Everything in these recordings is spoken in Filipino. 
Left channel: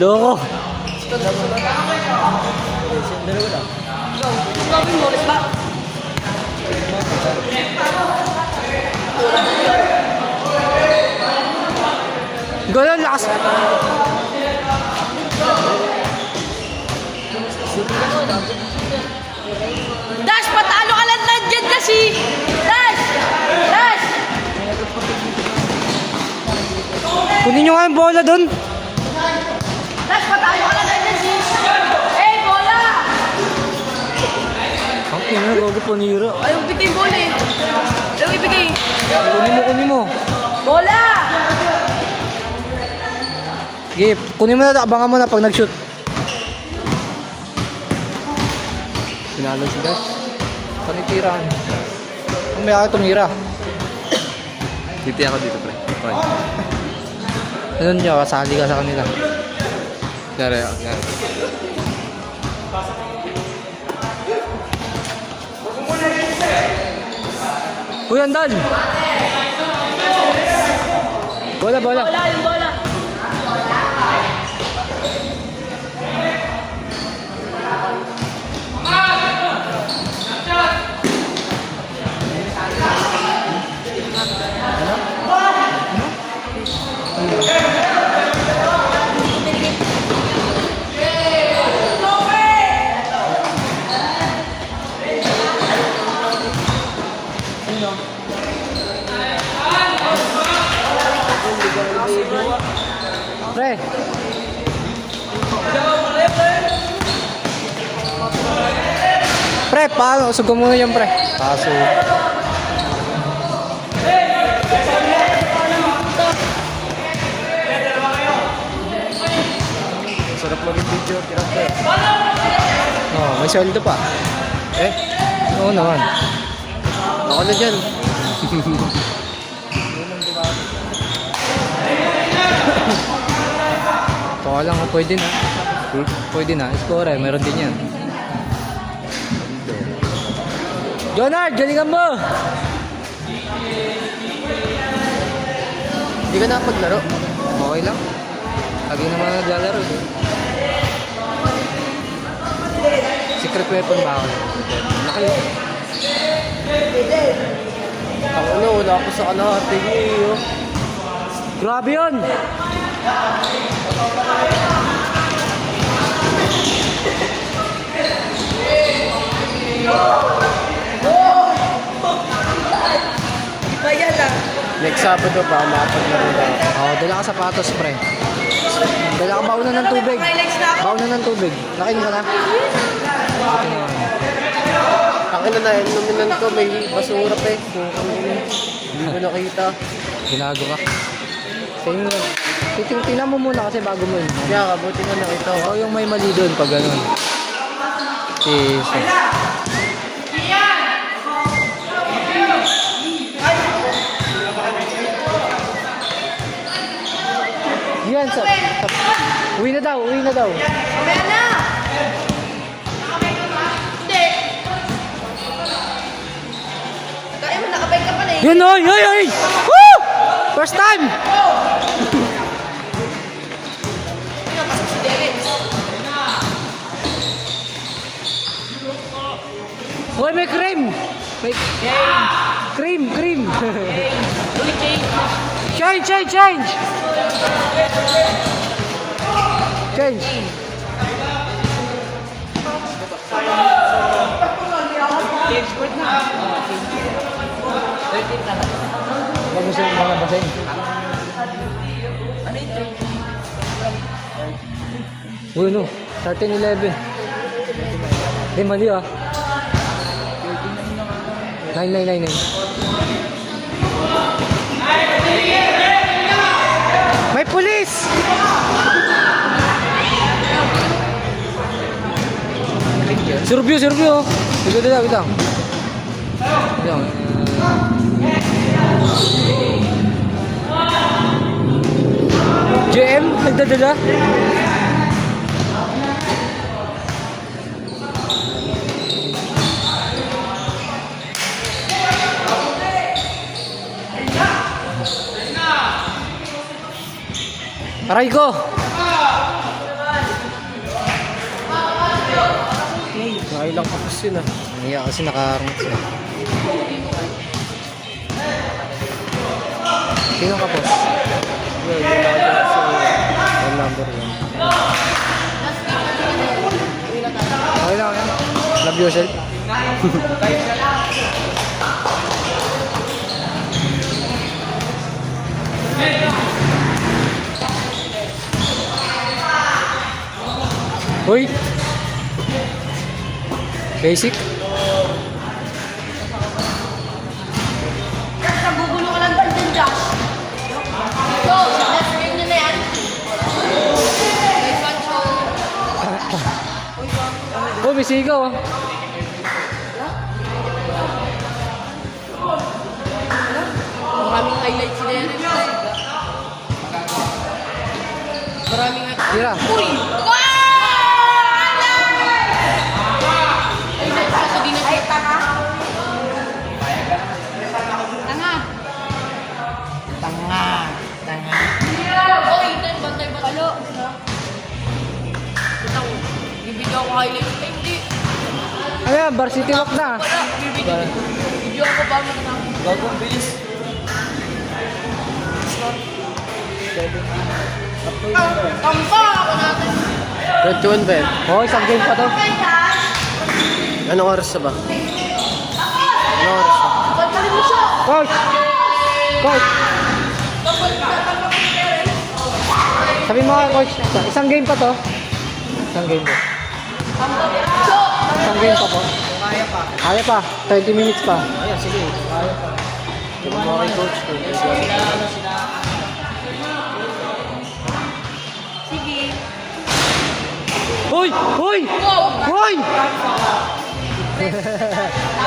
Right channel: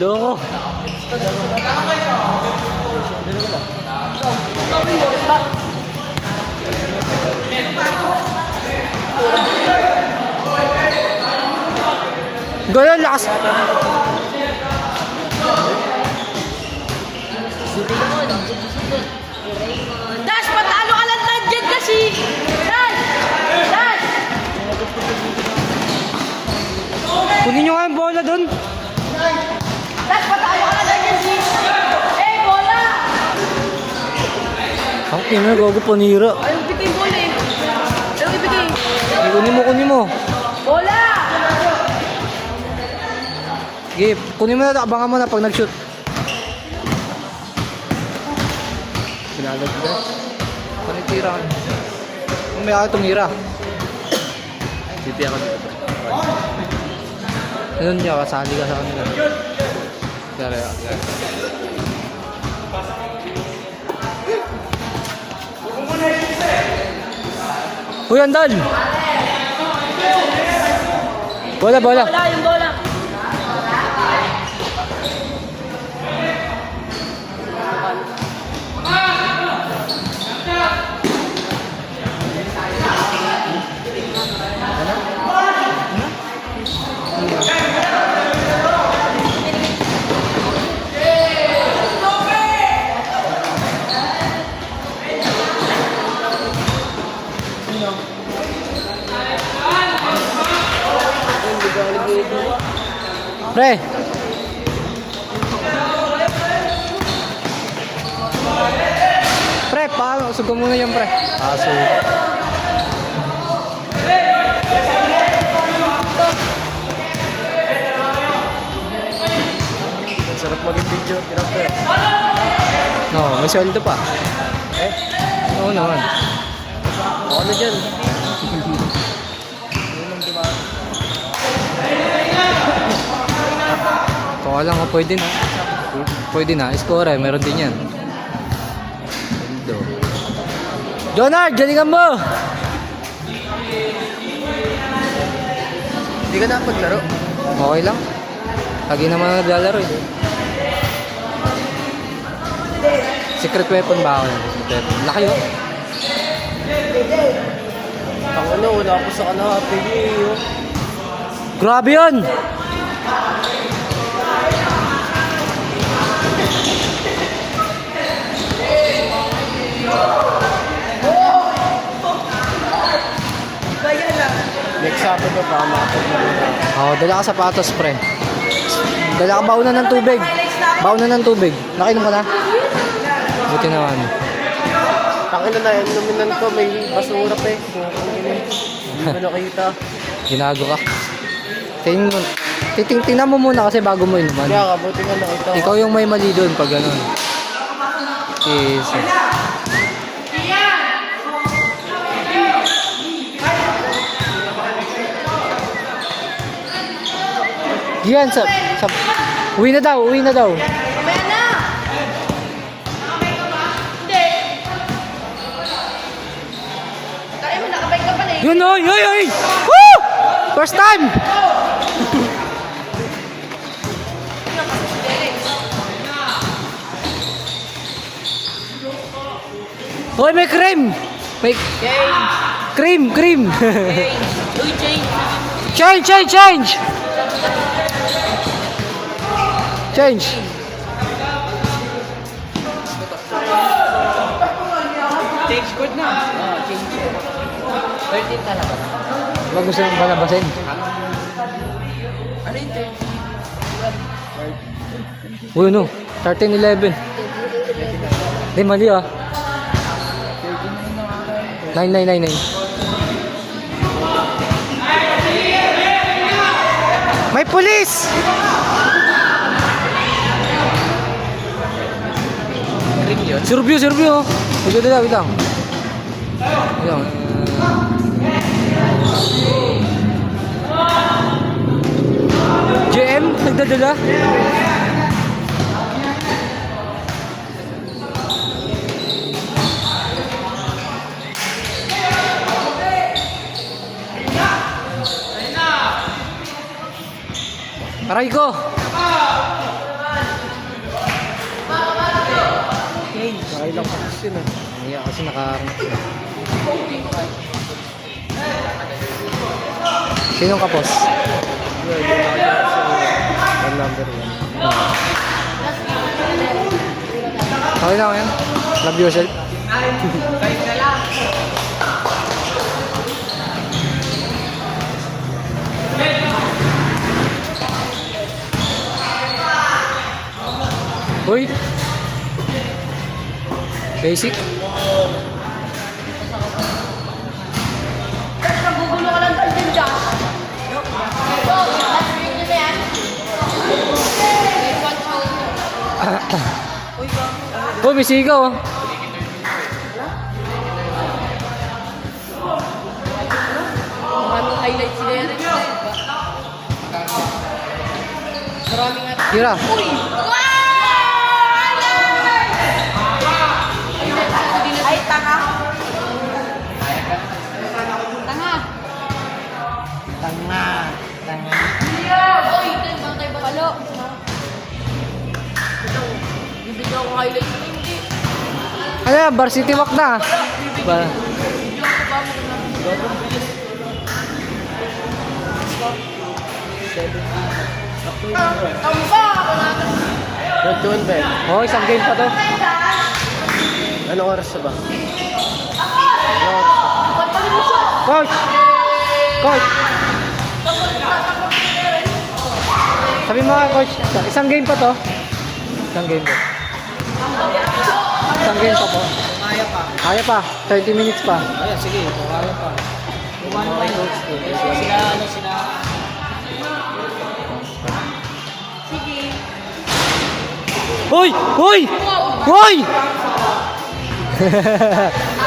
Loko. Ganun, lakas. Dash, patalo ka lang nandiyan kasi! Dash! Dash! Kunin nyo nga yung bola doon. Dash, patalo ka lang nandiyan si... Eh, bola! Ang ino, gago panira. Ayaw bigay bola eh. Ayaw ibigay. Kunin mo. Bola! Sige, kunin mo na, abangan mo na pag nag-shoot. Pinalo si Dash. Panitira ka niya. May ako tumira. Titi ako dito, pre. Ano niya, kasali ka sa kanila. Yari ako. Uy, andal! Bola. Bola, yung bola. Pre! Pre, paano? Sugo muna yan, pre. Paso. Sarap mag-video, tirap pre. Oh, may sweldo pa. Eh, Oo naman. ako na dyan. Baka lang, pwede na. Pwede na. Score eh, meron din yan. Jonard, galingan mo! Hindi ka na paglaro. Okay lang. Lagi naman naglalaro eh. Secret weapon ba ako? Laki yun. Ako na, wala ako sa kalahati niyo. Grabe yun! Bayan na. Next Sabado pa, makapaglaro na ako. Oo, dala ka sapatos, pre. Dala ka baunan ng tubig. Baunan ng tubig. Nakain ka na? Buti naman. Takin na inuminan ko, may basura pa eh. Hindi mo nakita. Ginago ka. Tingnan mo muna kasi bago mo inuman. Kaya kabuti nga nakita ko. Ikaw yung may mali doon pag ganun. Yes. Yan, uwi na daw. Mamaya na! Hindi. Kaya mo, nakabay ka pa na eh. Yun o, yoy! Woo! First time! Hoy, may cream! May cream! Change! Bagusin mo na basing. Uy, no. 13-11. Mali ah. 9. May pulis! Serbio. Wait lang. Yan. JM, nagdadala? Aray ko! Nakailang kapos yun ah. Iya kasi nakarangat siya. Sino ang kapos? Yun, yung nakadyan sa number 1. Okay lang yan. Love yourself. Hoy! Basic? Nagugulo ka lang ba dyan, Josh? Ito, last game nyo na yan. Like one show. Oh, may sigaw oh. Maraming highlights na yan. Maraming nga. Tira. Uy! Wow! Ay, tanga. Tanga. Tanga. Tanga. Uy, palo. Bibigyan ko highlights na hindi. Ano yan? Varsity walk na. Video ko ba mo na? Bagong bilis. Tamba ako natin. 21 ba yun? Oh, isang game pa to. Anong oras na ba? Pagpalin mo siya. Coach! Coach! Sabi mo nga, coach, isang game pa to. Isang game pa. Isang game pa po. Kaya pa. 20 minutes pa. Ayun, sige. Ito mga kay coach ko. Hoy! Hoy! Hoy!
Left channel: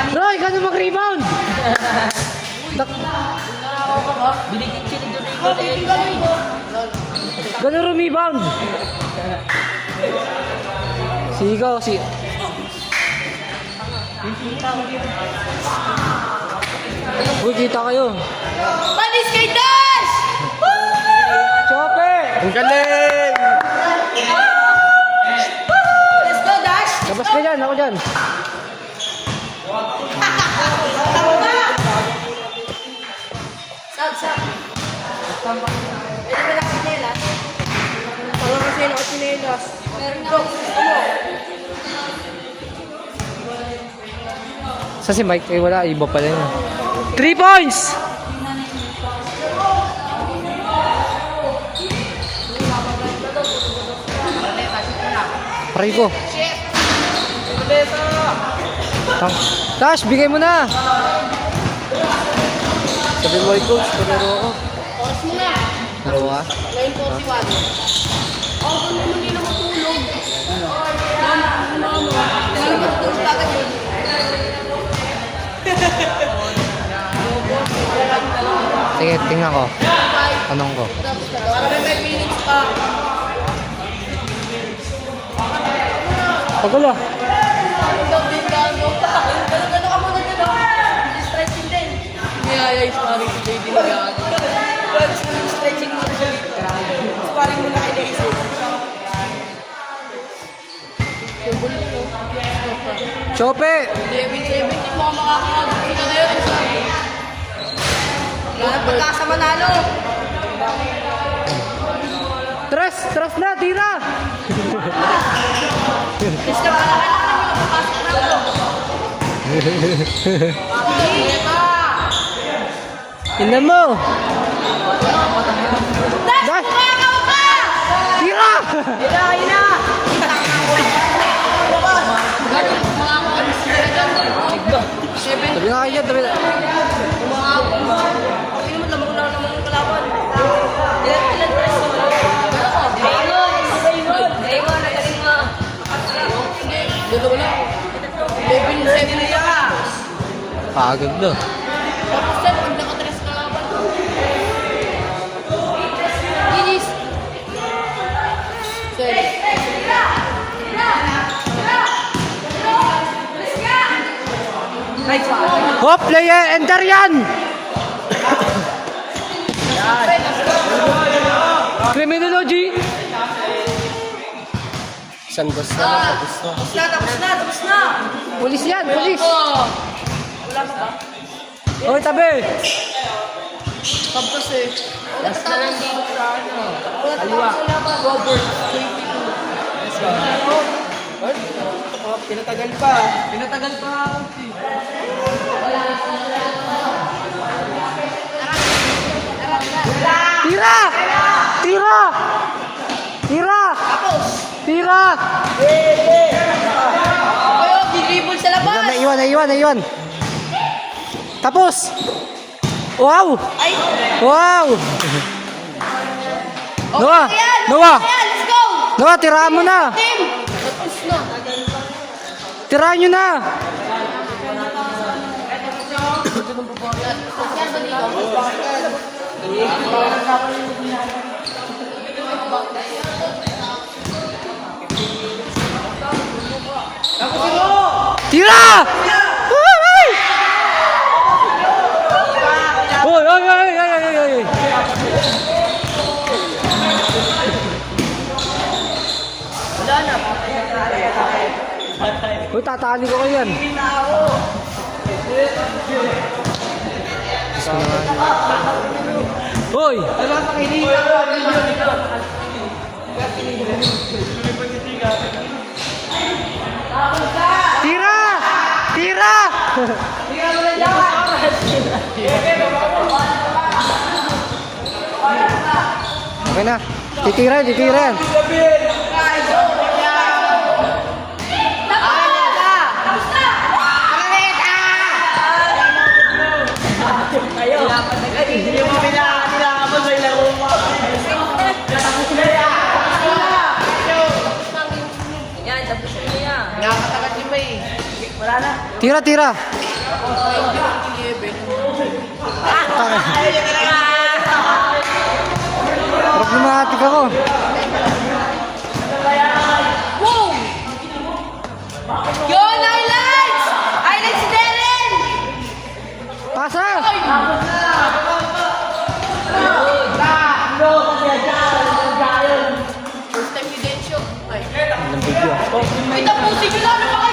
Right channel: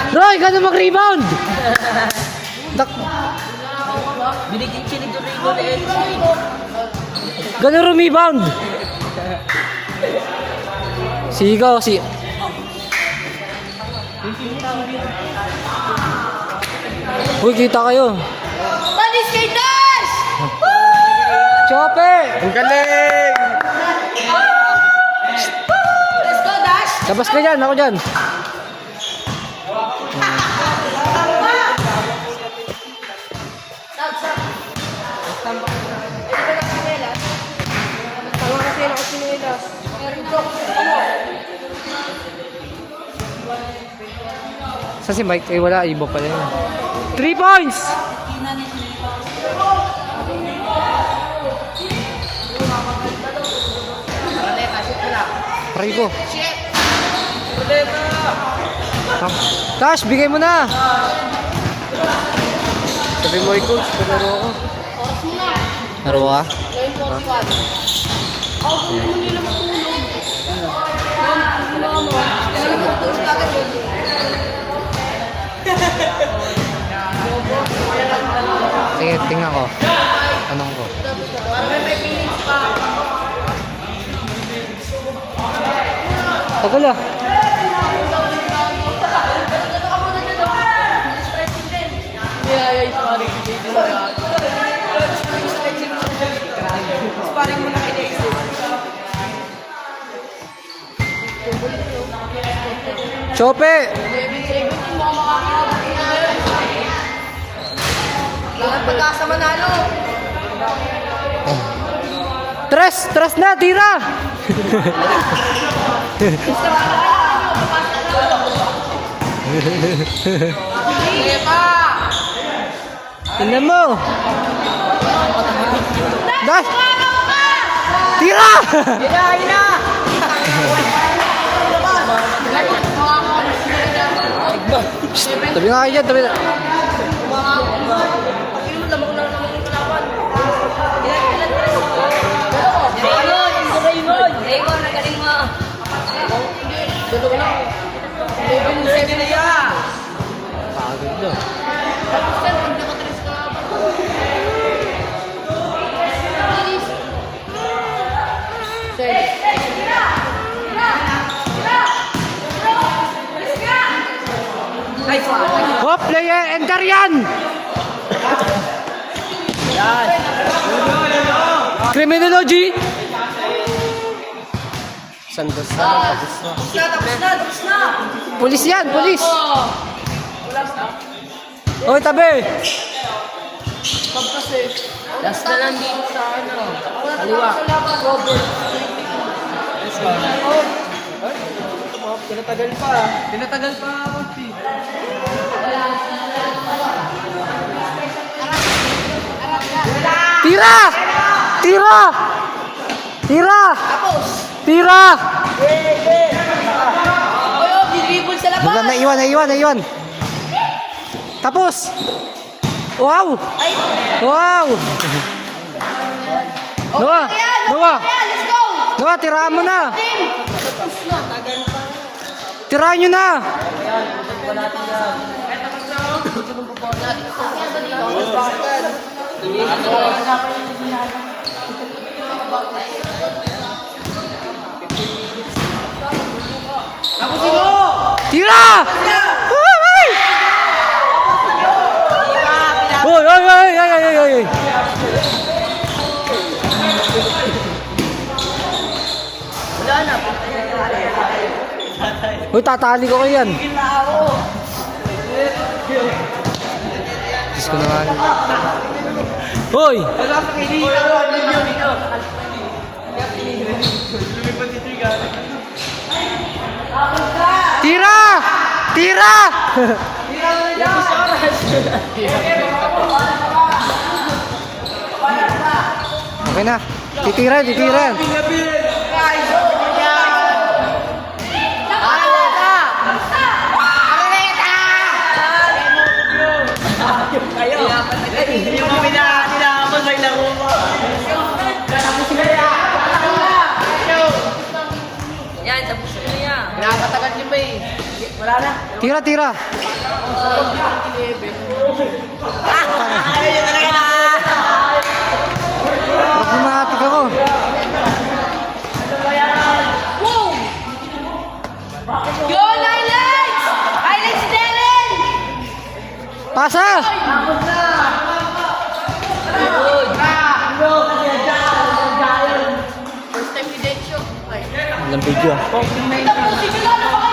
Roy, gano'n mag-rebound! Binigyan siya ng Domingo. Gano'n rebound! Sigaw, si... Uy, kita kayo. Panis kay Dash! Chopper! Ang galing! Let's go, Dash! Labas ka dyan, ako dyan. Tanga kasi nakasinelas. Meron daw. Sa si Mike, eh wala, iba pala yun. 3 points! Aray ko. Tash, bigay mo na! Sabi mo kay coach, palaro ako. Oras mo na. Laro ka? 9:41. Ako kung naman nila matulog. Mama, coach natin. Sige, tingnan ko. Tanong ko. Parang may 5 minutes pa. Tagal ah. Ay, sorry. Baby na yan. Sparring mo na kay Daisy. Chope! 11-17 mo makakabot na yun. Wala na pagkasa manalo. Tres na, tira! Tingnan mo! Dash! Tira! Hina! Tabi nga kayo dyan, tabi na. Pagod na. Hop, player, enter yan! 3 Criminology! Isang gas na lang, tapos na. Tapos na. Pulis yan, pulis! Oo. Wala pa ba? Hoy, tabi! Tapos eh. Wala tatapos dito sa ano. Wala tatapos sa laban. Robert. Pinatagal pa. Pinatagal pa. Tira! Tira! Tira! Tira! Pero, gigibol sa labas. Naiwan. Tapos! Wow! Ay. Wow! Noah! Ayan, Noah! ayan, let's go. Noah, tiraan mo na! Team. Tapos na. Tiraan nyo na! Tira! Ay! Oy! Uy, tatali ko kayo yan. Diyos ko naman. Hoy! Tira! Tira! Okay na. Titira. Yan, tapos na yan. Nakakatagat din ba eh. Wala na. Tira. Parang lumahatak ako. Boom! Yun, highlights! Highlights Darren! Pasa! First time ni Densyo. Ay. Ilang video. Ito po, simula na